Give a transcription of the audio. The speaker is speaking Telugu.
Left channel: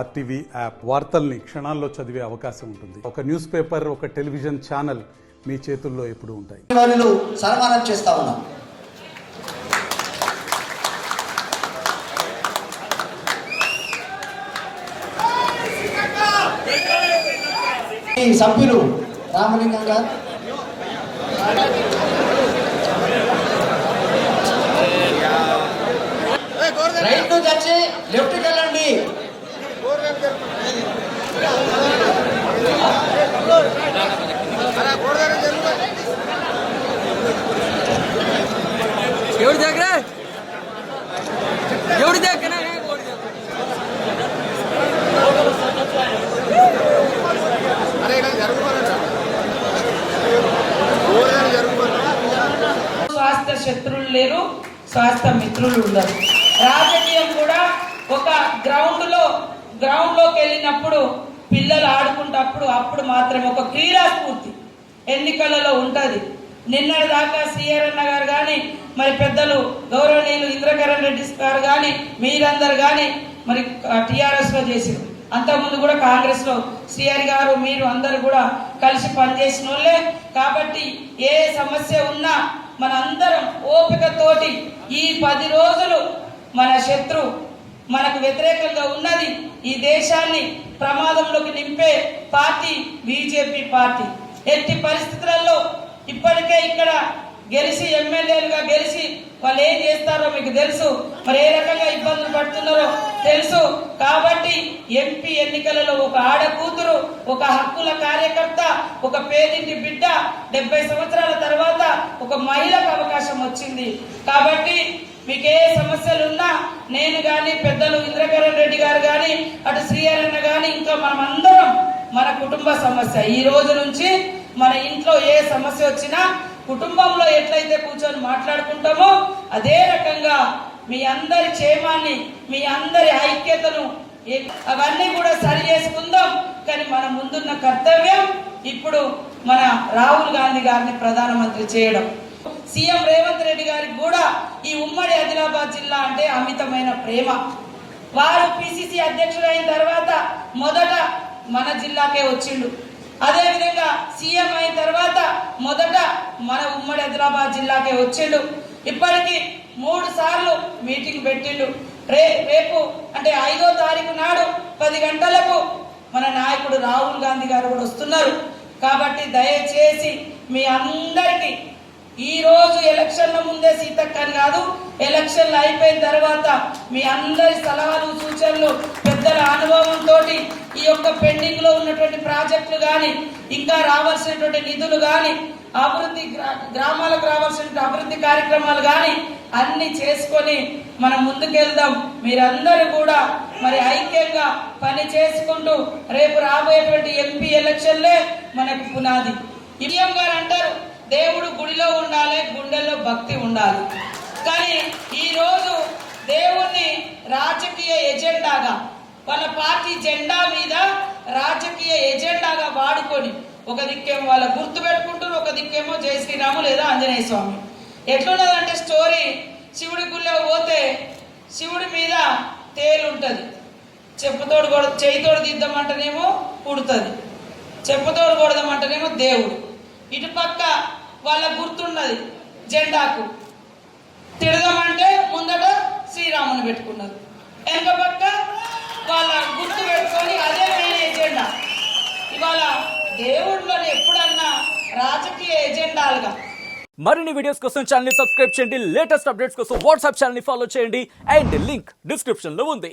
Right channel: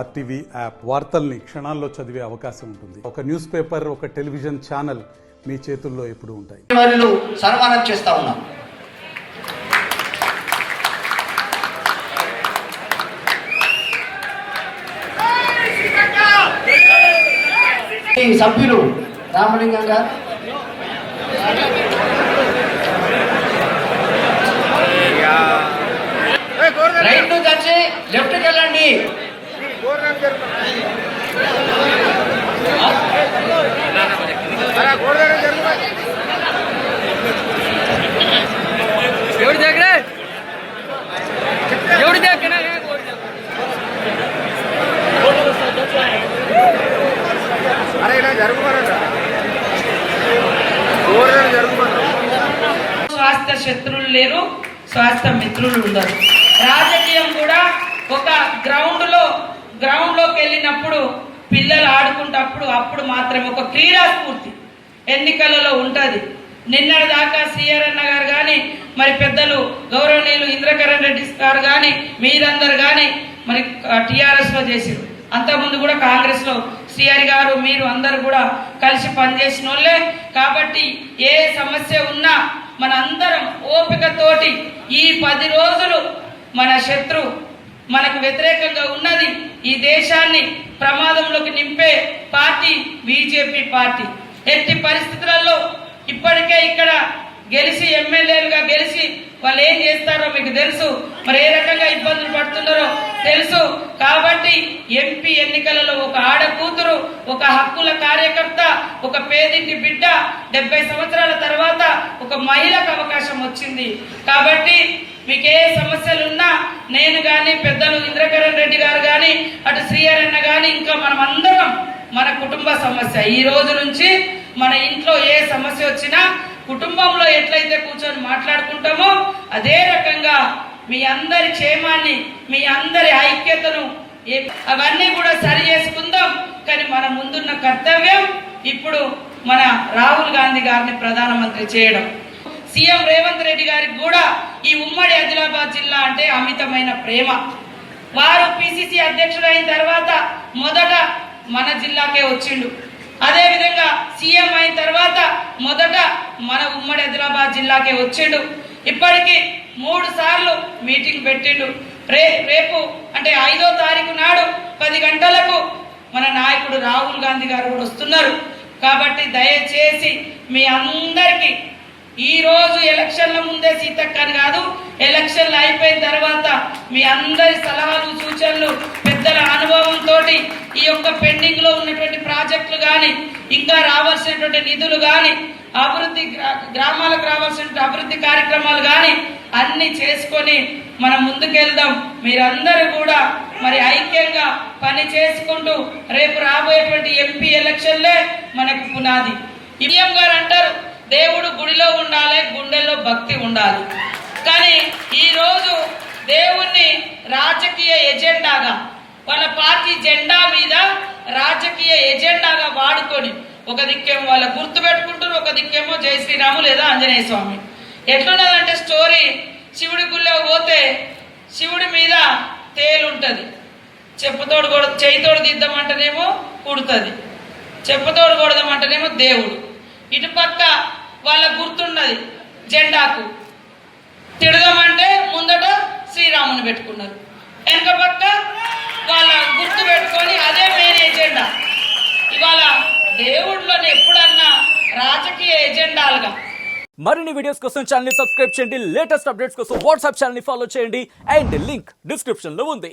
ఆర్టీవీ యాప్ వార్తల్ని క్షణాల్లో చదివే అవకాశం ఉంటుంది. ఒక న్యూస్ పేపర్, ఒక టెలివిజన్ ఛానల్ మీ చేతుల్లో ఎప్పుడూ ఉంటాయి. సన్మానం చేస్తా ఉన్నాం. సభ్యులు రామలింగం గారు, రైట్ నుంచి వచ్చి లెఫ్ట్కి వెళ్ళండి. స్వాస్థ్య శత్రువులు లేరు, స్వాస్థ్య మిత్రులు ఉండరు. రాజకీయం కూడా ఒక గ్రౌండ్లోకి వెళ్ళినప్పుడు పిల్లలు ఆడుకుంటప్పుడు అప్పుడు మాత్రమే ఒక క్రీడా స్ఫూర్తి ఎన్నికలలో ఉంటుంది. నిన్నటి దాకా సిఆర్ అన్న గారు కానీ, మరి పెద్దలు గౌరవనీయులు ఇంద్రకరణ్ రెడ్డి గారు కానీ, మీరందరు కానీ మరి టీఆర్ఎస్లో చేసారు. అంతకుముందు కూడా కాంగ్రెస్లో సిఆర్ గారు మీరు అందరు కూడా కలిసి పనిచేసిన వాళ్ళే. కాబట్టి ఏ సమస్య ఉన్నా మన అందరం ఓపికతోటి ఈ 10 రోజులు మన శత్రు మనకు వ్యతిరేకంగా ఉన్నది, ఈ దేశాన్ని ప్రమాదంలోకి నింపే పార్టీ బీజేపీ పార్టీ. ఎట్టి పరిస్థితులలో ఇప్పటికే ఇక్కడ గెలిచి ఎమ్మెల్యేలుగా గెలిచి వాళ్ళు ఏం చేస్తారో మీకు తెలుసు, మరి ఏ రకంగా ఇబ్బందులు పడుతున్నారో తెలుసు. కాబట్టి ఎంపీ ఎన్నికలలో ఒక ఆడకూతురు, ఒక హక్కుల కార్యకర్త, ఒక పేదింటి బిడ్డ 70 సంవత్సరాల తర్వాత ఒక మహిళకు అవకాశం వచ్చింది. కాబట్టి మీకు ఏ సమస్యలున్నా నేను కానీ, పెద్దలు ఇంద్రకరణ్ రెడ్డి గారు కానీ, అటు శ్రీహరన్న కానీ, ఇంకా మనం అందరం మన కుటుంబ సమస్య ఈ రోజు నుంచి మన ఇంట్లో ఏ సమస్య వచ్చినా కుటుంబంలో ఎట్లయితే కూర్చొని మాట్లాడుకుంటామో అదే రకంగా మీ అందరి క్షేమాన్ని, మీ అందరి ఐక్యతను అవన్నీ కూడా సరి చేసుకుందాం. కానీ మన ముందున్న కర్తవ్యం ఇప్పుడు మన రాహుల్ గాంధీ గారిని ప్రధానమంత్రి చేయడం. సీఎం రేవంత్ రెడ్డి గారికి కూడా ఈ ఉమ్మడి ఆదిలాబాద్ జిల్లా అంటే అమితమైన ప్రేమ. వారు పిసిసి అధ్యక్షుడు అయిన తర్వాత మొదట మన జిల్లాకే వచ్చిండు. అదేవిధంగా సీఎం అయిన తర్వాత మొదట మన ఉమ్మడి ఆదిలాబాద్ జిల్లాకే వచ్చిండు. ఇప్పటికీ 3 సార్లు మీటింగ్ పెట్టిండు. రేపు అంటే 5వ తారీఖు నాడు 10 గంటలకు మన నాయకుడు రాహుల్ గాంధీ గారు కూడా వస్తున్నారు. కాబట్టి దయచేసి మీ అందరికీ ఈ రోజు ఎలక్షన్ల ముందే సీతక్కని కాదు, ఎలక్షన్లు అయిపోయిన తర్వాత మీ అందరి సలహాలు సూచనలు పెద్దల అనుభవంతో ఈ యొక్క పెండింగ్ లో ఉన్నటువంటి ప్రాజెక్టులు కానీ, ఇంకా రావాల్సినటువంటి నిధులు కానీ, అభివృద్ధి గ్రామాలకు రావాల్సిన అభివృద్ధి కార్యక్రమాలు కానీ అన్ని చేసుకొని మనం ముందుకెళ్దాం. మీరందరూ కూడా మరి ఐక్యంగా పని చేసుకుంటూ రేపు రాబోయేటువంటి ఎంపీ ఎలక్షన్లే మనకు పునాది. సీఎం గారు అంటారు దేవుడు గుడిలో ఉండాలి, గుండెల్లో భక్తి ఉండాలి. కానీ ఈరోజు దేవుణ్ణి రాజకీయ ఎజెండాగా వాళ్ళ పార్టీ జెండా మీద రాజకీయ ఎజెండాగా వాడుకొని ఒక దిక్కేమో వాళ్ళ గుర్తు పెట్టుకుంటారు, ఒక దిక్కేమో జై శ్రీరాము లేదా ఆంజనేయ స్వామి. ఎట్లున్నదంటే స్టోరీ, శివుడి గుళ్ళో పోతే శివుడి మీద తేలు ఉంటుంది, చేయితోడు దిద్దామంటేనేమో కుడుతుంది, చెప్పుతోడు కొడదామంటేనేమో దేవుడు. ఇటుపక్క వాళ్ళ గుర్తున్నది జెండాకు, తిడదామంటే ముందట శ్రీరాముని పెట్టుకున్నారు, వెనక పక్క వాళ్ళ గుర్తు పెట్టుకొని అదే మెయిన్ ఎజెండా. ఇవాళ దేవుళ్ళని ఎప్పుడన్నా రాజకీయ ఎజెండాలుగా. మరిన్ని వీడియోస్ కోసం ఛానల్ ని సబ్స్క్రైబ్ చేయండి, లేటెస్ట్ అప్డేట్స్ కోసం వాట్సాప్ ఛానల్ ని ఫాలో చేయండి, అండ్ లింక్ డిస్క్రిప్షన్ లో ఉంది.